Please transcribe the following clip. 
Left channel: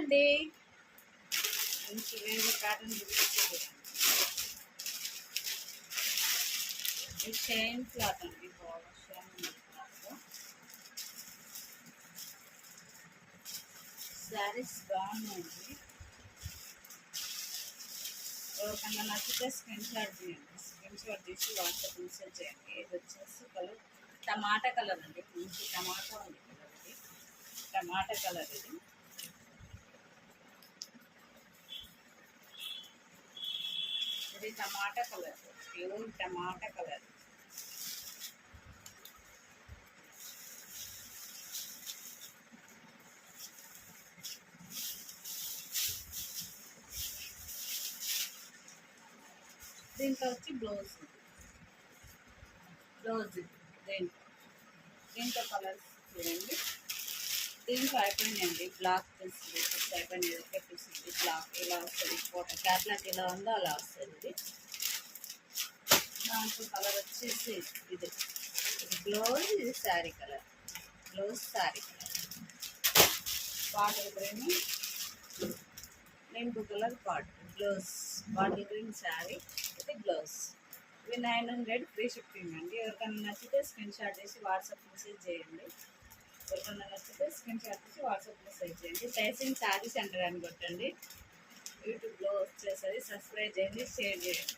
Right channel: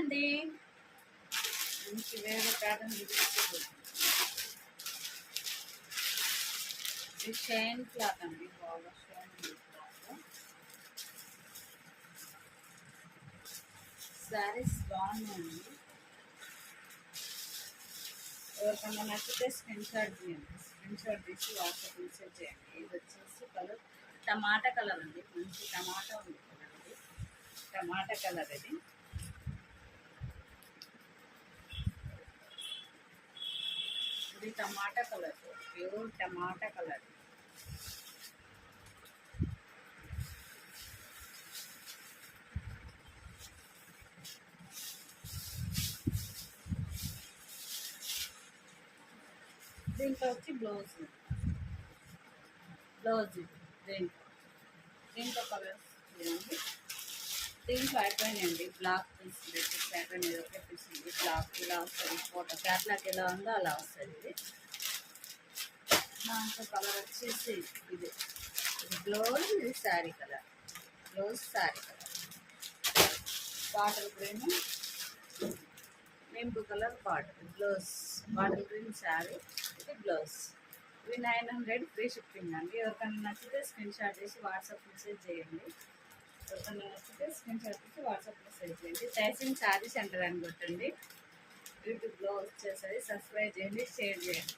అండి, మంచి వేరే ప్యాటర్న్ చూపిస్తుంది. ఇది షైన్ క్లాత్ అండి, బాగా షైన్ ఉంది క్లాత్. శారీస్ బాగున్నాయండి. ఎవరికన్నా నచ్చితే స్క్రీన్ షాట్ తీయండి. స్క్రీన్ షాట్ తీసి వాట్సాప్ మెసేజ్ చేయండి. ఇది వచ్చేసి కలర్ టమాటా కలర్ అండి, మంచి టమాటా ఉంది కలర్. ఇది టమాటా కలర్. ఇది టమాటా కలర్, ప్యూర్ టమాటా కలర్. దీంట్లో వచ్చి బ్లౌజ్ దీంట్లో కలర్స్ చూడండి. దీంట్లో అయిపోయినాయండి, బ్లాక్ పీస్ అయిపోయినాయి. ఒకే పీస్ ఉంది బ్లాక్. ఇలా వస్తుంది ఫోటో క్యాట్లాగ్ ఎలా ఉందో అలా వస్తుంది. ఇది దాంట్లో కలర్ వచ్చేసి ఇది బ్లౌజ్, ఇది sari colour. Blouse sari colour, bottle green, నింపు colour blouse, bottle green sari, ఇది బ్లౌజ్. ఇవి 900 ఫ్రీ షిప్పింగ్ అండి. ఎవరికైనా నచ్చితే స్క్రీన్ షాట్ చేసి వాట్సాప్ మెసేజ్ చేయండి. తైసింగ్ శారీ సెంటర్ అని కొట్టండి. యూట్యూబ్లో వచ్చేసరి సబ్స్క్రైబ్ చేయండి, షేర్ చేయండి.